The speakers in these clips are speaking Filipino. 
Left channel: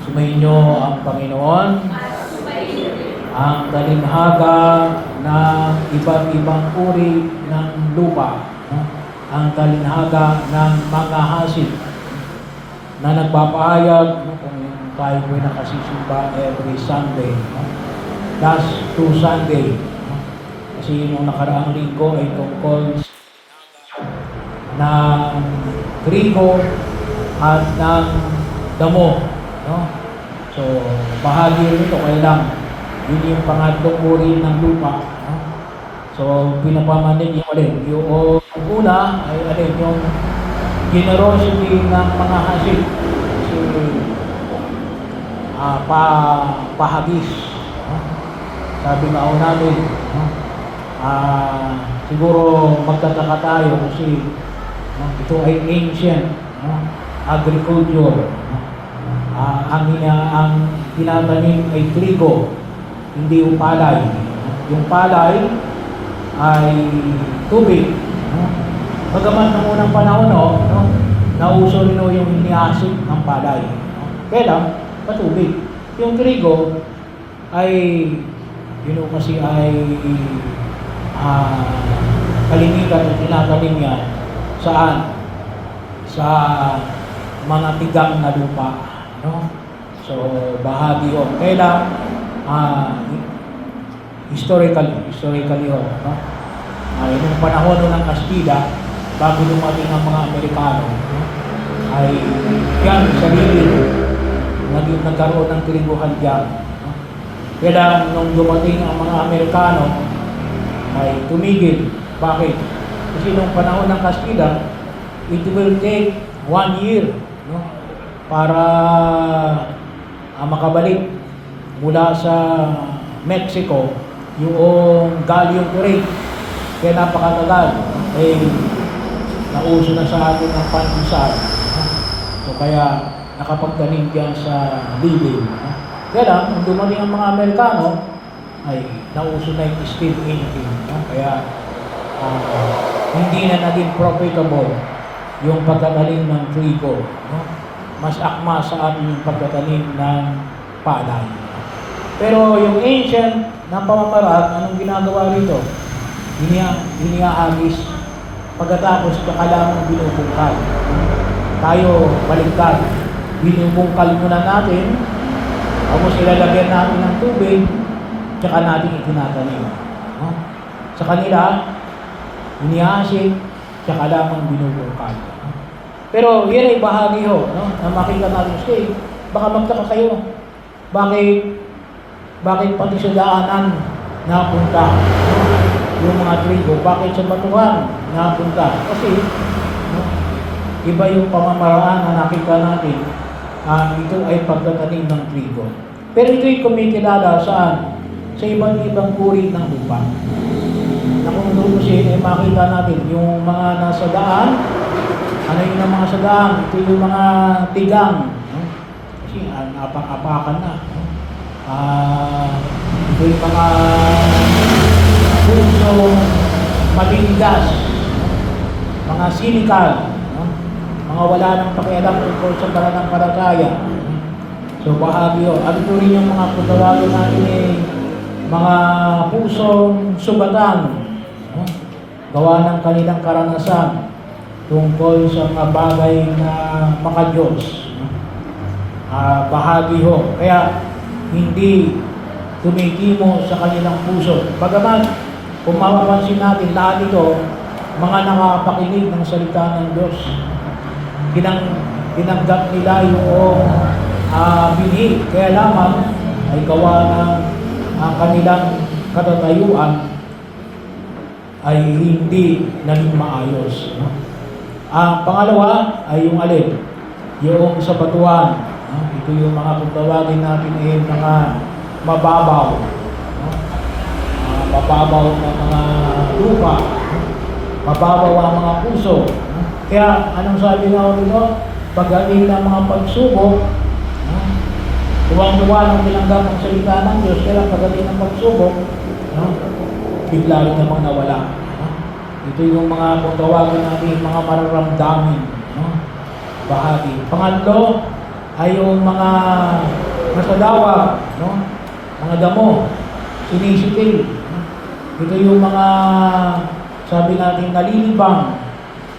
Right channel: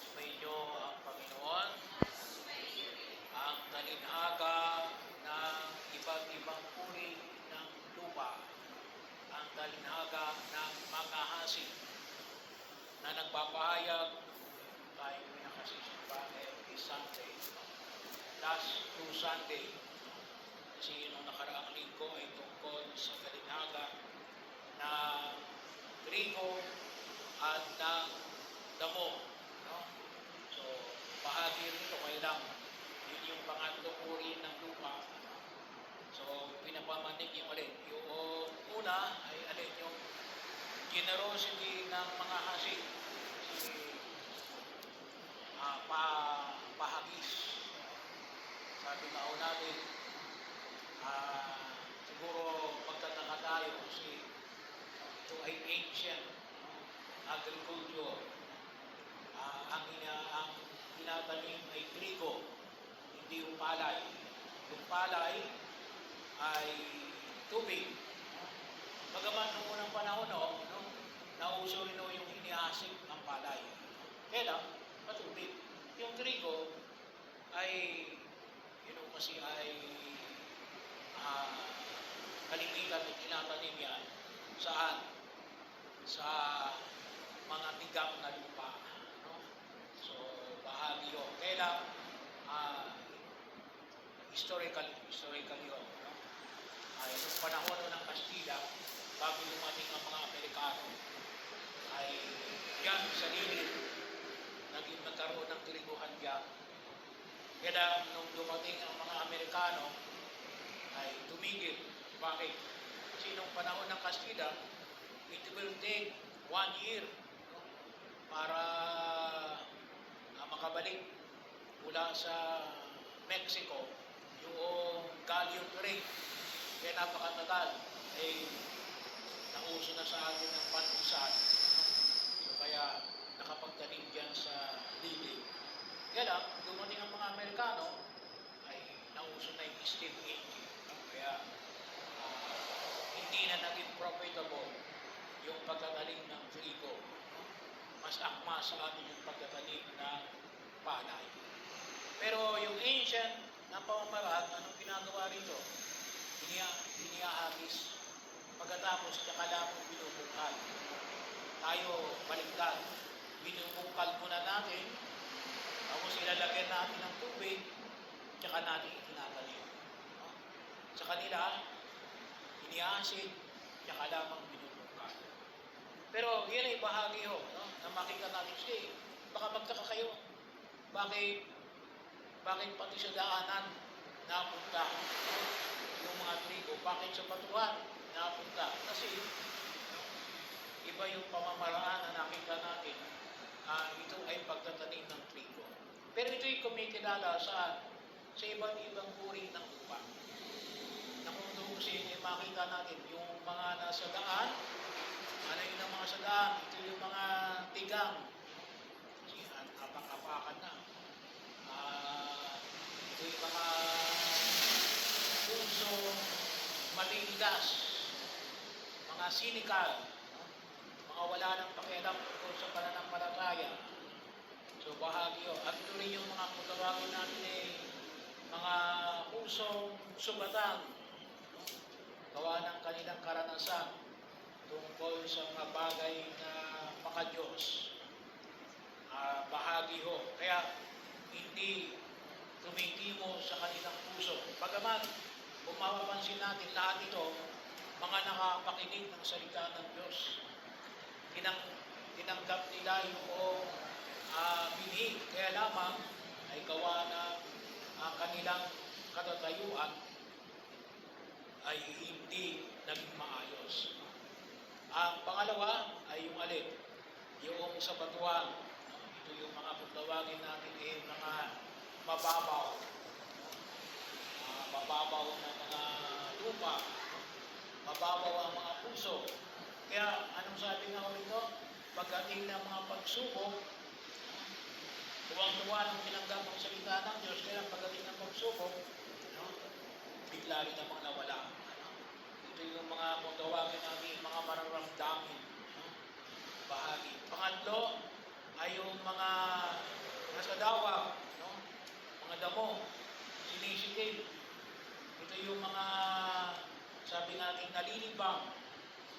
Sumainyo ang Panginoon, ang kalinhaga ng iba't ibang uri ng lupa, no? Ang kalinhaga ng mga hasip na nagpapahayag, no? Kung tayo po nakasisimba every Sunday, no? Last 2 Sunday, no? Kasi yung nakaraang linggo ay tungkol ng trigo at ng damo, no? So, bahagi nito kailang yun yung pangatlong uri ng lupa, no? So, pinapamanin yung alin. Yung una ay alin, yung generosity ng mga hasip. So, pahagis, no? Sabi nga ako namin, no? Siguro magtataka tayo kasi no? Ito ay ancient, no? Agriculture, no? Ang tinatanim ay trigo, hindi yung palay. Yung palay ay tubig, no? Bagaman ng unang panahon, no? Nauso rin yung iniasip ng palay, no? Kaya patubig. Yung trigo ay kasi ay kalimitan na tinatanim niya saan? Sa mga tigang na lupa, no? So, bahagi yun. Kaya historically yun, no? Yung panahon ng Kastila, bago dumating ang mga Amerikano, no? Ay yan, sarili nagkaroon ng triguhan dyan, no? Kaya nung dumating ang mga Amerikano, ay tumigil. Bakit? Kasi nung panahon ng Kastila, it will take 1 year, no? Para makabalik mula sa Mexico yung galleon trade. Kaya napakatagal. Nauso na sa atin ang pandesal, no? So kaya nakapagtanim diyan sa Lili, no? Kaya lang, nung dumating ang mga Amerikano, ay nauso na yung steel engine, no? Kaya hindi na naging profitable yung pagtatanim ng trigo, no? Mas akma sa atin yung pagtatanim ng palay. Pero yung ancient na pamamaraan, anong ginagawa rito? Iniaagis. Pagkatapos kakalamang binubungkal. Tayo baliktad. Binubungkal muna natin, tapos ilalagyan natin ng tubig, tsaka natin itinatanim, no? Sa kanila, iniaasik, tsaka lamang binubungkal. Pero yan ay bahagi no? Na makita natin siya, baka magtaka kayo. Bakit pati sa daanan napunta, no? Yung mga trigo, bakit sa batuhan napunta? Kasi no? Iba yung pamamaraan na nakita natin. Ito ay pagtatanim ng trigo. Pero ito'y kumikilala saan? Sa ibang uri ng lupa. Na kung doon siya ay makita natin yung mga nasa daan. Ano yung mga sa daan? Ito yung mga tigang, no? Kasi apak-apakan na, no? Ito yung mga puso mabigas, no? Mga sinikal, no? Mga wala nang pakialam tungkol sa pananampalataya. So bahagi yun. At ito rin yung mga pagkawalan natin mga pusong subatan, no? Gawa ng kanilang karanasan tungkol sa mga bagay na maka-Diyos, no? Bahagi ho. Kaya hindi tumikimo sa kanilang puso. Bagaman, kung mapapansin natin, lahat ito, mga nakapakinig ng salita ng Diyos. Tinanggap nila yung binhi. Kaya lamang ay gawa ng kanilang katatayuan ay hindi naging maayos, no? Ang pangalawa ay yung alin? Yung sa batuan, no? Ito yung mga pagtawagin natin ay mga mababaw, no? Mababaw na mga lupa, no? Mababaw ang mga puso, no? Kaya anong sabi nga dito? Pagdating ng mga pagsubok, no? Tuwang-tuwa ng tinanggap ng salita ng Diyos, kaya pagdating ng pagsubok, no? Bigla rin namang nawala. Ito yung mga kung tawagin natin mga mararamdamin, no? Bahagi. Pangatlo ay yung mga masadawa, no? Mga damo, sinisitil. Ito yung mga, sabi natin, nalilibang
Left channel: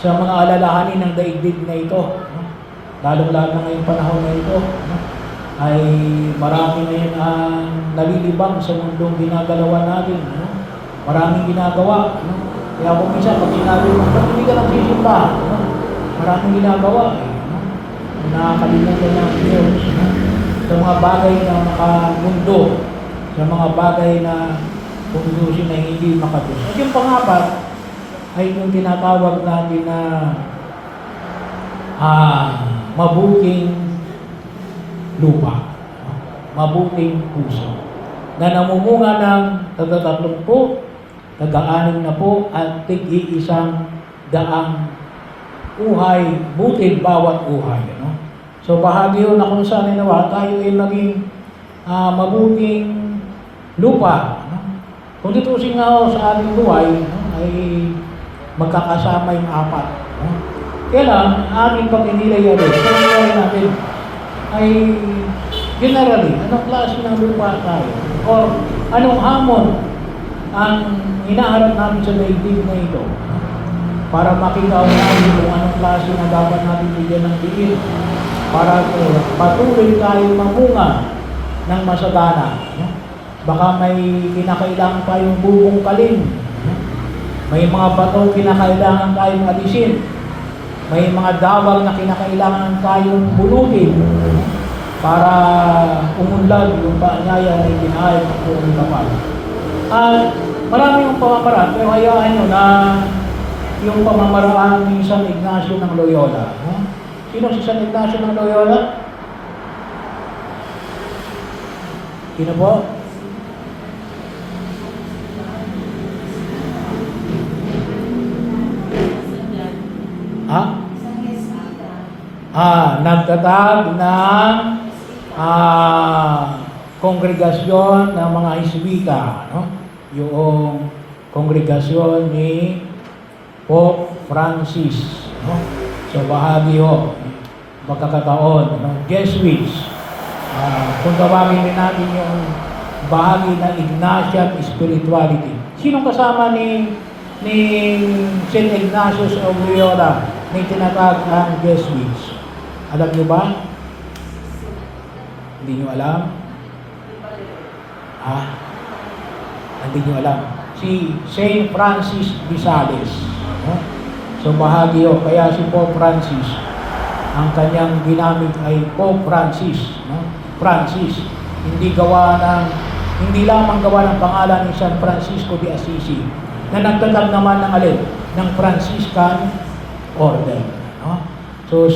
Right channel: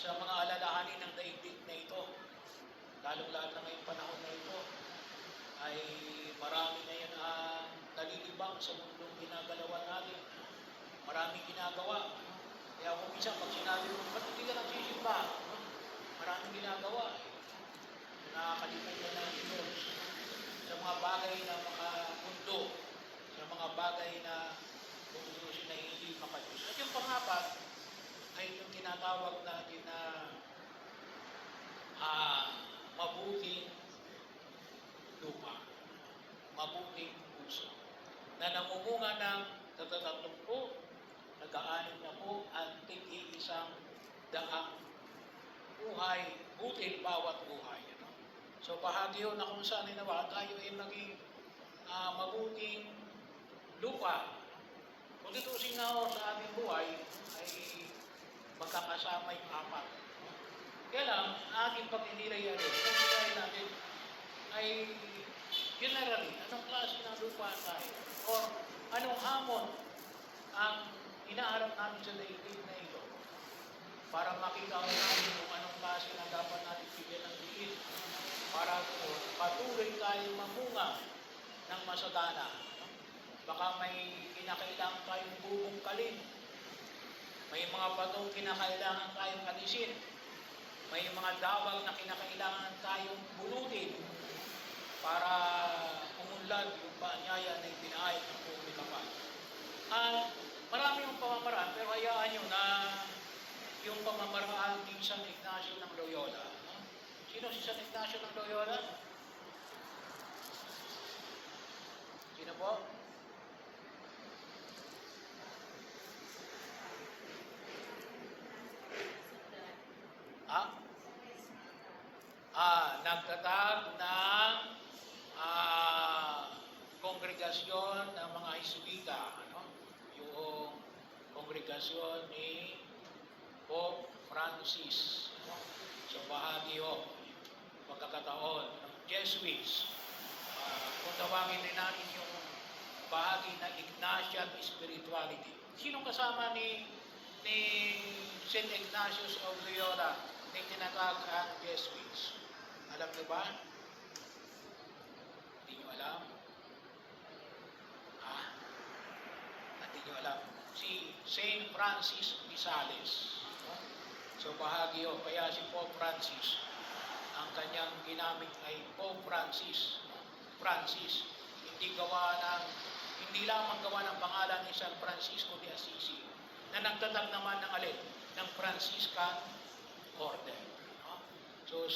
sa mga alalahanin ng daigdig na ito. No? Lalo-lalo na ngayong panahon na ito, no? Ay marami ngayon ang nalilibang sa mundong ginagalawan natin. No? Maraming ginagawa. No? Kaya kung minsan, pag sinabi mo, ba't hindi ka nagsisimba? No? Maraming ginagawa. No? Nakakalimutan ng Diyos. No? Sa mga bagay na makamundo, sa mga bagay na kundusin na hindi makatulog. At yung pangapat ay yung tinatawag natin na mabuting lupa, mabuting puso, na namumunga ng taga-30, taga-6 na po at tig-iisang daang uhay, butil bawat uhay. No? So bahagi yun na kung saan nawa tayo ay maging mabuting lupa. No? Kung ditusin nga sa ating buhay, no, ay magkakasama yung 4. No? Kaya lang, ating pag-inilay ulit, kung natin ay generally, anong klase ng lupa tayo? Or anong hamon ang hinaharap namin sa daigdig na ito? Para makita natin kung anong klase na dapat natin bigyan ng diin para patuloy tayo mamunga ng masagana. No? Baka may kinakailangan tayong bubong kaling. No? May mga batong kinakailangan tayong alisin. May mga dawag na kinakailangan tayong bunutin para umunlad yung paanyaya na itinahay ng buong kapal. At marami yung pamamaraan, pero hayaan nyo na yung pamamaraan ni San Ignacio ng Loyola. No? Sino si San Ignacio ng Loyola? Sino po? Nagtatag ng kongregasyon ng mga Jesuita, no? Yung kongregasyon ni Pope Francis, no? So bahagi ho, magkakataon, no? Jesuits. Kung tawagin din natin yung bahagi ng Ignatian spirituality. Sinong kasama ni St. Ignatius of Loyola na tinatawag ang Jesuits? Alam niyo ba? Hindi niyo alam? Hindi niyo alam. Si St. Francis de Sales. No? So bahagi yun. Kaya si Pope Francis, ang kanyang ginamit ay Pope Francis. No? Francis. Hindi lamang gawa ng pangalan ni San Francisco de Assisi, na nagtatag naman ng alin? Ng Franciscan Order. No? So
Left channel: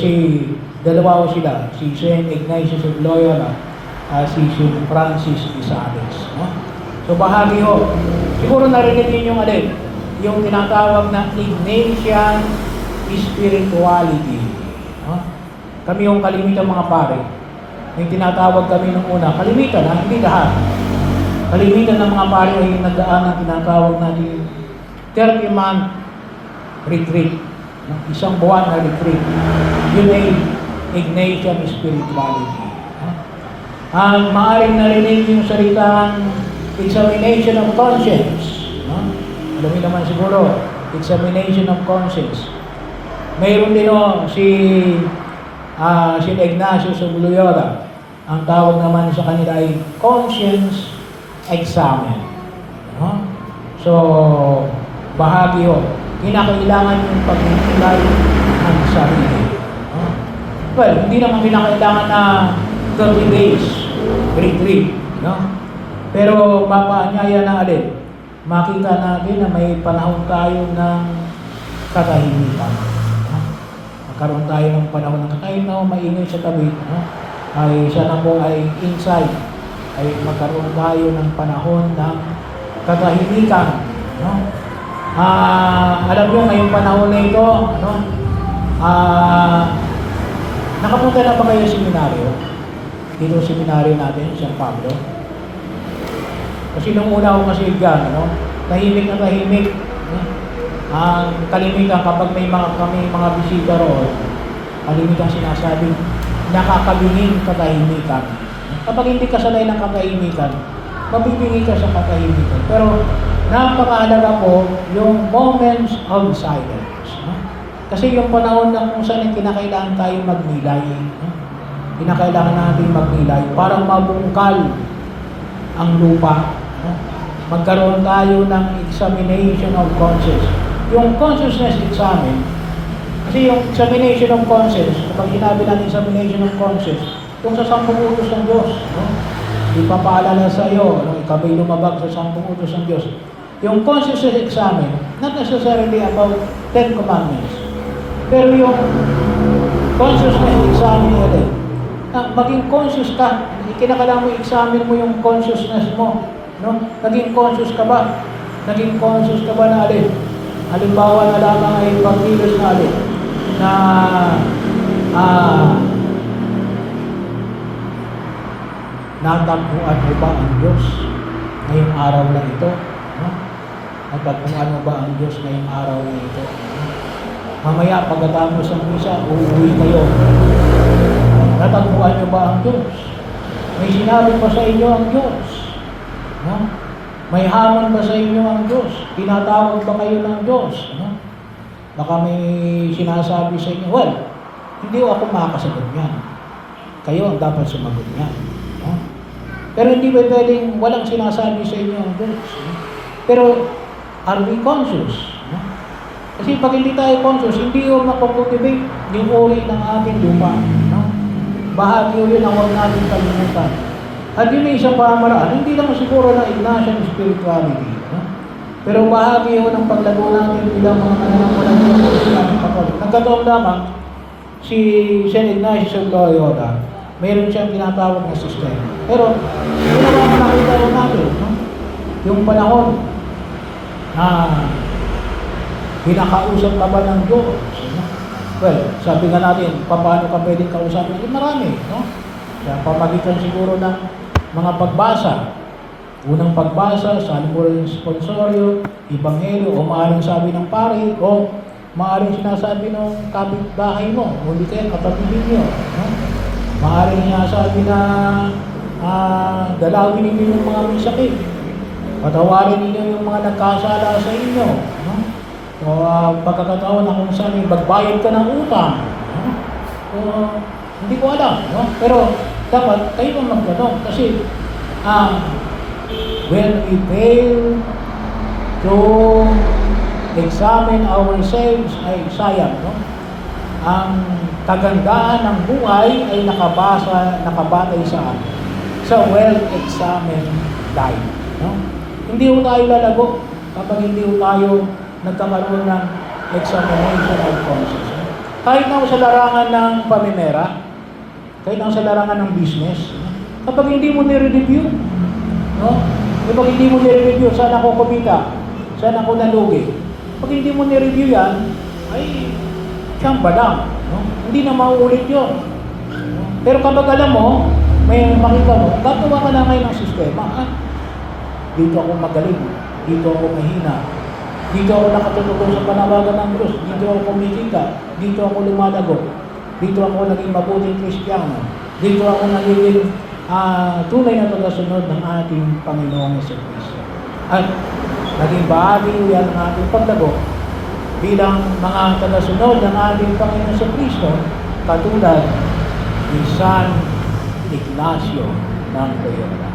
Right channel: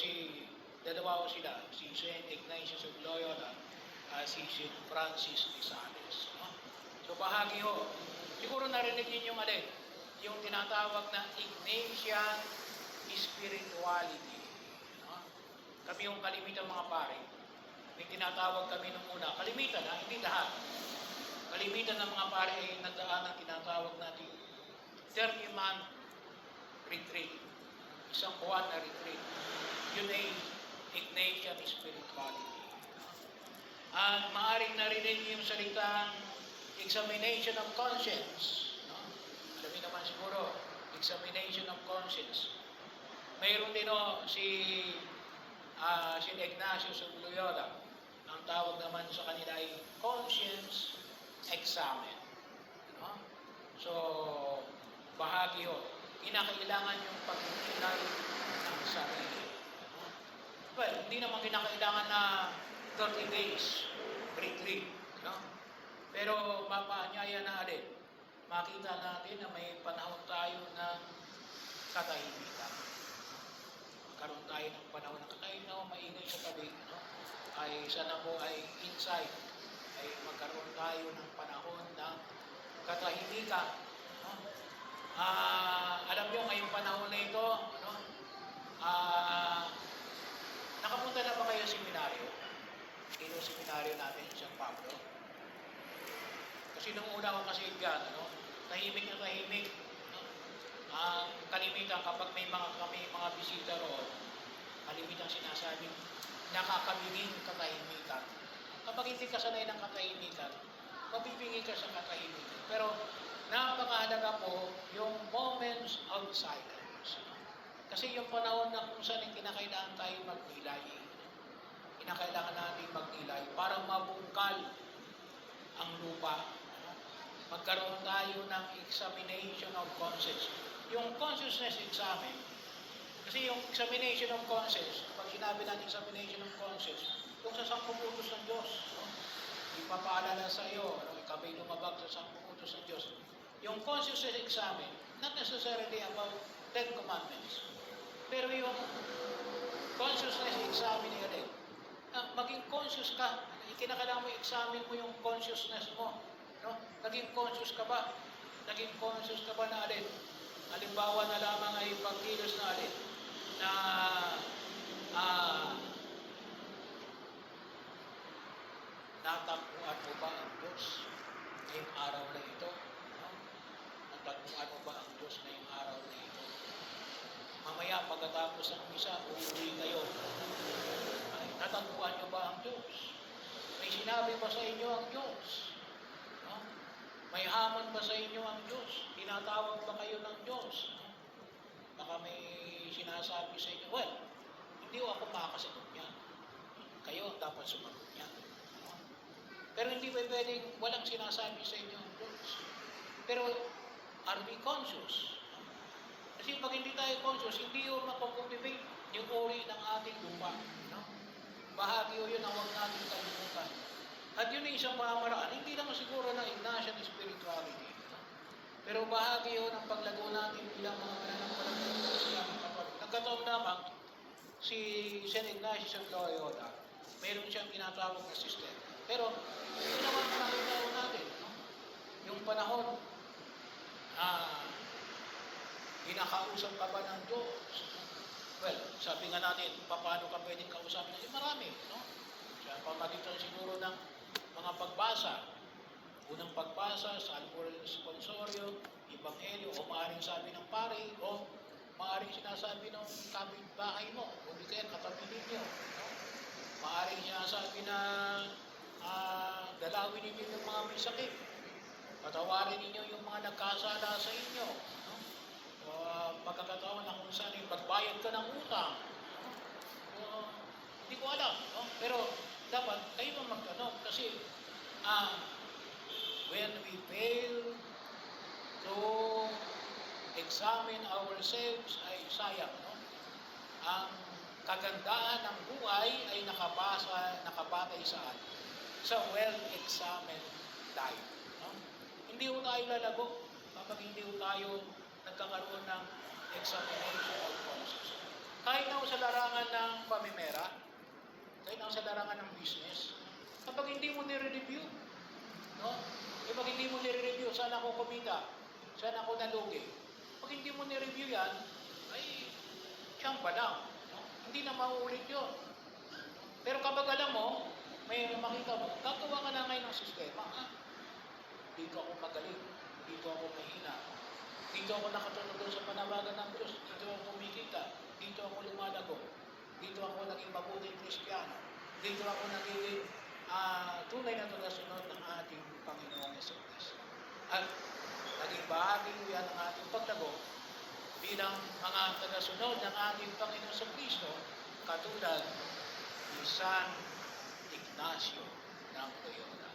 dalawa sila, si St. Ignatius of Loyola at si St. Francis de Sales. No? So bahagi ho. Siguro narinig din yung alin? Yung tinatawag na Ignatian spirituality. No? Kami yung kalimitan mga pare. Yung tinatawag kami nung una, kalimitan ha, hindi lahat. Kalimitan ng mga pare ay yung nagdaan ng tinatawag natin 30-month retreat. Isang buwan na retreat. Yun ay Ignatian spirituality. Ang maaaring narinig yung salitang examination of conscience. Alam niyo naman siguro, examination of conscience. Mayroon din si Ignatius of Loyola. Ang tawag naman sa kanila ay conscience examen. So, bahagi ho. Kinakailangan yung pagninilay ng sarili. Well, hindi naman kinakailangan na 30 days retreat. No? Pero papaanyaya na alin. Makita natin na may panahon tayo ng katahimikan. Magkaroon tayo ng panahon ng katahimikan, maingay sa tabi. Ay sana po ay inside. Ay magkaroon tayo ng panahon ng katahimikan. Alam nyo, ngayong panahon na ito, nakapunta na ba kayo sa seminaryo? Dito sa seminaryo natin, San Pablo. Kasi nung una ako kasi dyan, tahimik na tahimik. Ang kalimitan kapag may mga bisita roon, kalimitan sinasabi, nakakabinging katahimikan. Kapag hindi ka sanay ng katahimikan, mabibingi ka sa katahimikan. Pero napakahalaga po yung moments of silence. No? Kasi yung panahon na kung saan kinakailangan tayo magnilay. No? Kinakailangan natin magnilay para mabungkal ang lupa. No? Magkaroon tayo ng examination of conscience. Yung consciousness examine, kasi yung examination of conscience, kapag sinabi natin examination of conscience, yung sa 10 utos ng Diyos, no? Ipapaalala sa iyo, no? Ikabay lumabag sa 10 utos ng Diyos. Yung consciousness examine, not necessarily about 10 commandments, pero yung consciousness examine natin, maging conscious ka, kinakailangan mo examine mo yung consciousness mo, no? Naging conscious ka ba? Naging conscious ka ba na alin? Halimbawa na lamang ay pagkilos na alin? Na natagpuan mo ba ang Diyos ngayong araw na ito? No? Natagpuan mo ba ang Diyos ngayong araw na ito? No? Mamaya pagkatapos ng misa, uuwi kayo. Natagpuan niyo ba ang Diyos? May sinabi pa sa inyo ang Diyos? No? May hamon ba sa inyo ang Diyos? Tinatawag ba kayo ng Diyos? No? Baka may sinasabi sa inyo, well, hindi ako makakasagot niyan. Kayo ang dapat sumagot niyan. No? Pero hindi ba pwedeng walang sinasabi sa inyo ang Diyos? No? Pero are we conscious? No? Kasi pag hindi tayo conscious, hindi yung makukultivate yung uri ng ating lupa. No? Bahagi yun ang huwag natin kalimutan. At yun may isang pamaraan, hindi lang siguro ng Ignatian spirituality. No? Pero bahagi yun ng paglago natin bilang mga mananampalataya ng Islamic Catholic. Nagkataon lamang, si St. Ignatius of Loyola, mayroon siyang tinatawag na sistema. Pero, yun ang nakita rin natin. No? Yung panahon na pinakausap ka ba ng Diyos? No? Well, sabi nga natin, paano ka pwedeng kausapin? Marami. No? Sa pamagitan siguro ng mga pagbasa. Unang pagbasa, sa Albury Sponsorio, Ebanghelyo, o maaaring sabi ng pari, o maaaring sinasabi ng kapitbahay mo, o hindi kaya katabi ninyo. No? Maaaring sinasabi na dalawin ninyo yung mga may sakit. Patawarin ninyo yung mga nagkasala sa inyo. No? O pagkakataon na kung saan magbayad ka ng utang. No? O, hindi ko alam. No? Pero dapat kayo ang magtanong. Kasi when we fail to examine ourselves ay sayang. No? Ang kagandahan ng buhay ay nakabatay sa well-examined life. No? Hindi ho tayo lalago kapag hindi ho tayo nagkakaroon ng examination of conscience. No? Kahit na sa larangan ng pamimera, kahit na sa larangan ng business, no? Kapag hindi mo nire-review, no? Kapag hindi mo nire-review, saan ako kumita? Saan ako nalugi? Pag hindi mo nire-review yan, ay tsamba lang. No? Hindi na mauulit yun. No? Pero kapag alam mo, may makita mo, gagawa ka na ngayon ng sistema. Dito ako magaling. Dito ako mahina. Dito ako nakatutugon sa panawagan ng Diyos. Dito ako kumikita. Dito ako lumalago. Dito ako naging mabuting Kristiyano. Dito ako naging tunay na tagasunod ng ating Panginoong Jesucristo. At naging bahagi yan ng ating paglago bilang mga tagasunod ng ating Panginoong Jesucristo, katulad ni San Ignacio ng Loyola.